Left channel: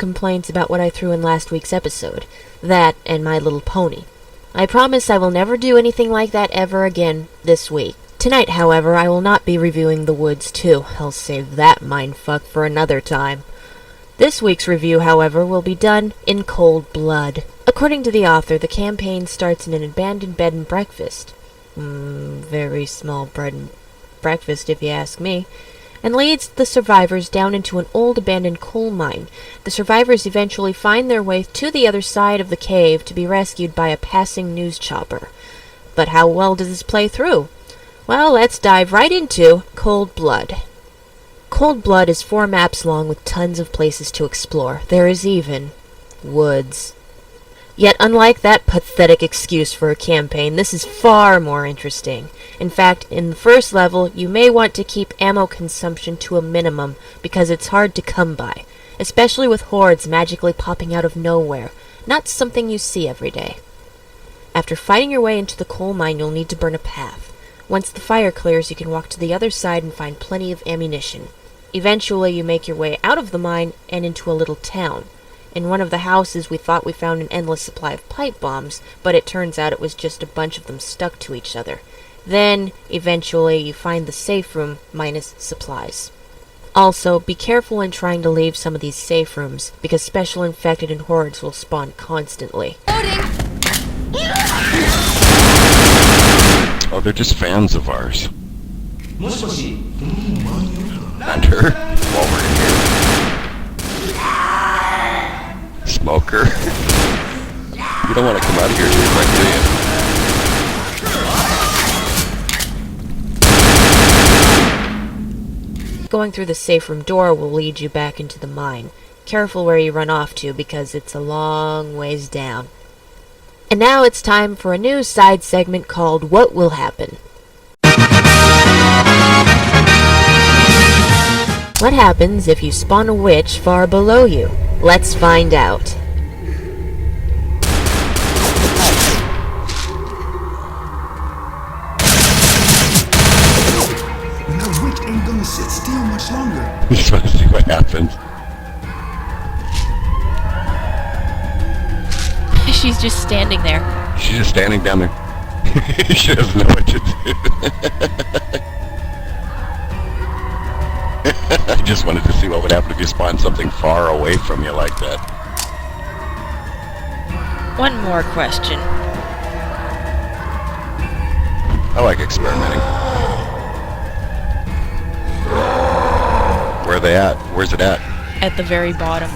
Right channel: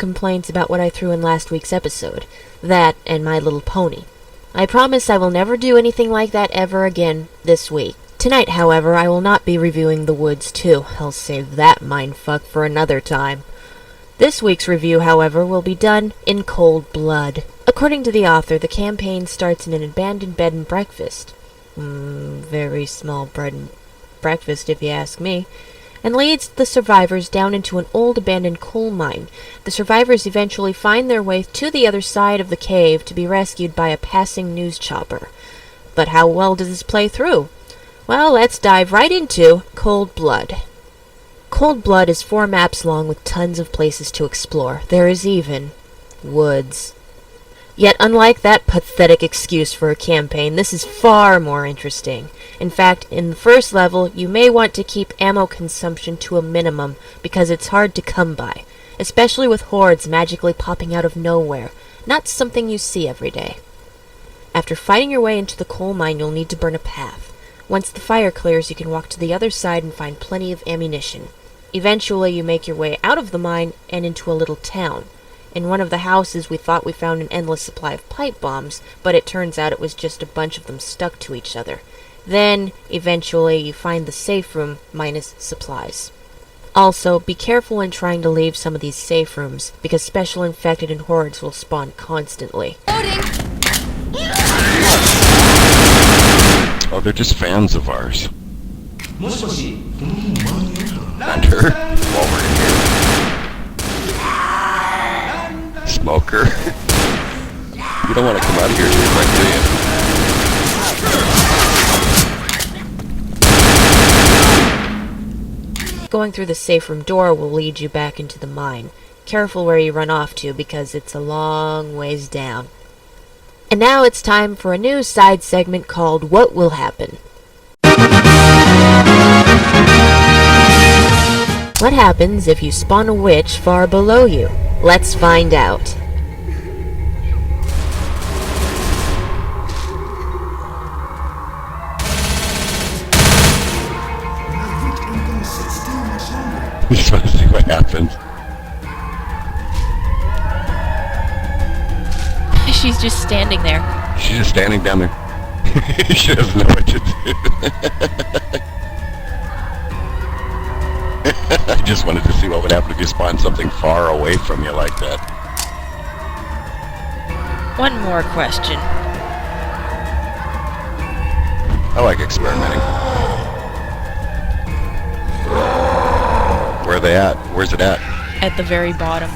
complaints about what I threw in last week's episode. That and My Little Pony. I promise I will never do anything like that ever again this week. Tonight, however, I will not be reviewing The Woods 2. I'll save that mindfuck for another time. This week's review, however, will be done in cold blood. According to the author, the campaign starts in an abandoned bed and breakfast. Very small bread and breakfast, if you ask me. And leads the survivors down into an old abandoned coal mine. The survivors eventually find their way to the other side of the cave to be rescued by a passing news chopper. But how well does this play through? Well, let's dive right into Cold Blood. Cold Blood is 4 maps long with tons of places to explore. There is even woods. Yet unlike that pathetic excuse for a campaign, this is far more interesting. In fact, in the first level, you may want to keep ammo consumption to a minimum because it's hard to come by, especially with hordes magically popping out of nowhere. Not something you see every day. After fighting your way into the coal mine, you'll need to burn a path. Once the fire clears, you can walk to the other side and find plenty of ammunition. Eventually, you make your way out of the mine and into a little town. In one of the houses, we thought we found an endless supply of pipe bombs, but it turns out it was just a bunch of them stuck to each other. Then, eventually, you find the safe room minus supplies. Also, be careful when trying to leave some of these safe rooms, because special infected and hordes will spawn constantly. Loading! Oh, they're just fans of ours. Hunter, while we're in here. Smoker. You don't want to come out of here too quick, do you? Going through the safe room door will lead you back into the mine. Careful where you run off to, because it's a long ways down. And now it's time for a new side segment called What Will Happen? What happens if you spawn a witch far below you? Let's find out. And that witch ain't gonna sit still much longer. You just want to see what happens. She's just standing there. She's just standing down there. She doesn't know what to do. I just wanted to see what would happen if you spawned something far away from you like that. One more question. I like experimenting. Where are they at? Where's it at? At the very bottom.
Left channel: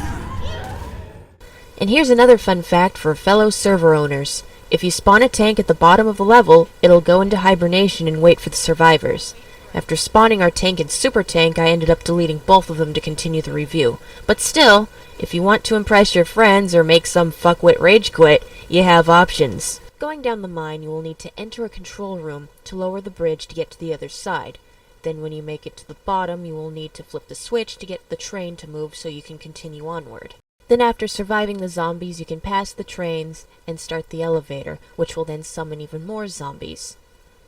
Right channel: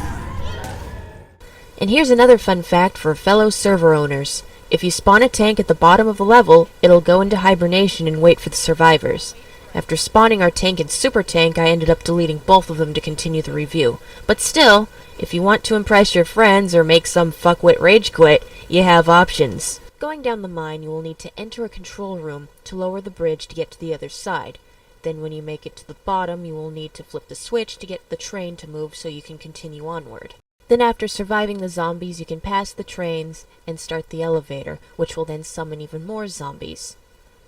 And here's another fun fact for fellow server owners. If you spawn a tank at the bottom of a level, it'll go into hibernation and wait for the survivors. After spawning our tank and super tank, I ended up deleting both of them to continue the review. But still, if you want to impress your friends or make some fuckwit rage quit, you have options. Going down the mine, you will need to enter a control room to lower the bridge to get to the other side. Then when you make it to the bottom, you will need to flip the switch to get the train to move so you can continue onward. Then after surviving the zombies, you can pass the trains and start the elevator, which will then summon even more zombies.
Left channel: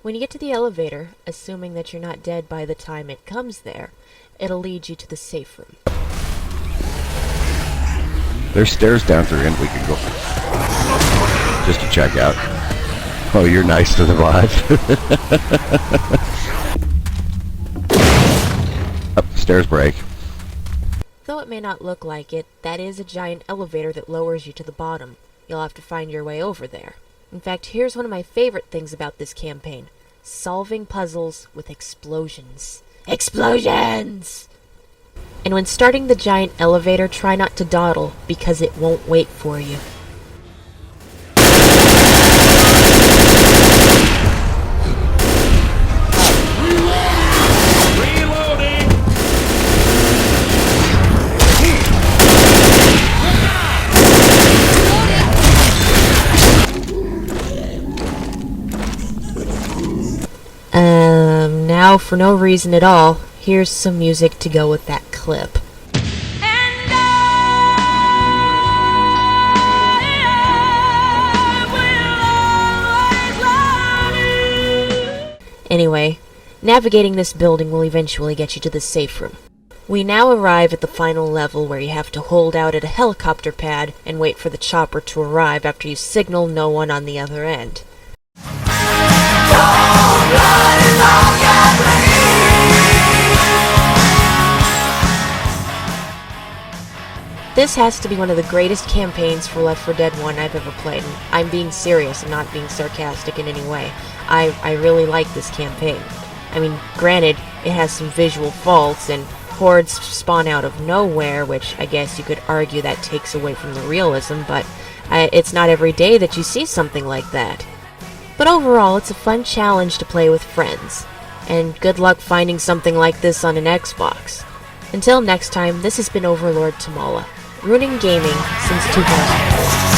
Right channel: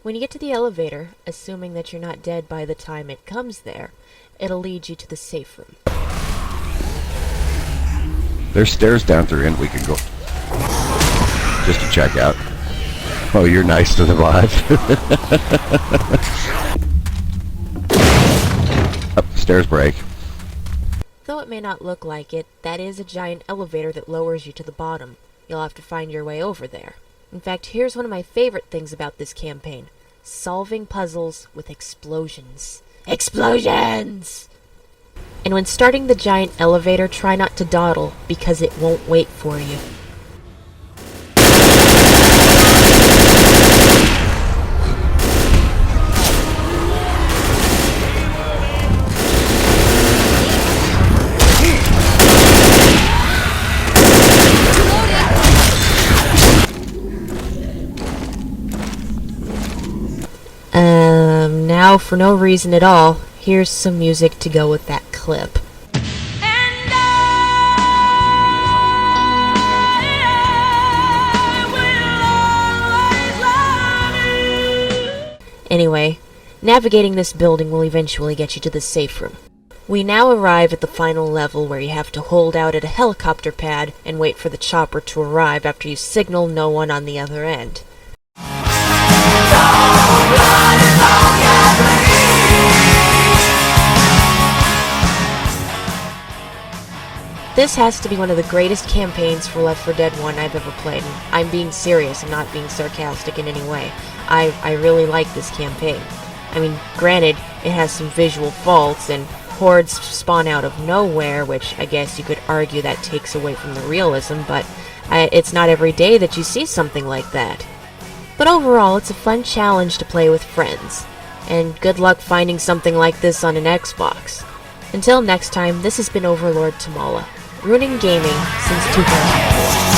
When you get to the elevator, assuming that you're not dead by the time it comes there, it'll lead you to the safe room. There's stairs down through and we can go just to check out. Oh, you're nice to survive. Up, stairs break. Though it may not look like it, that is a giant elevator that lowers you to the bottom. You'll have to find your way over there. In fact, here's one of my favorite things about this campaign. Solving puzzles with explosions. Explosions! And when starting the giant elevator, try not to dawdle, because it won't wait for you. Now, for no reason at all, here's some music to go with that clip. Anyway, navigating this building will eventually get you to the safe room. We now arrive at the final level where you have to hold out at a helicopter pad and wait for the chopper to arrive after you signal no one on the other end. This has to be one of the greatest campaigns for Left 4 Dead 1 I've ever played. I'm being serious and not being sarcastic in any way. I really like this campaign. I mean, granted, it has some visual faults, and hordes spawn out of nowhere, which I guess you could argue that takes away from the realism, but it's not every day that you see something like that. But overall, it's a fun challenge to play with friends, and good luck finding something like this on an Xbox. Until next time, this has been OverlordTomala, ruining gaming since 2004.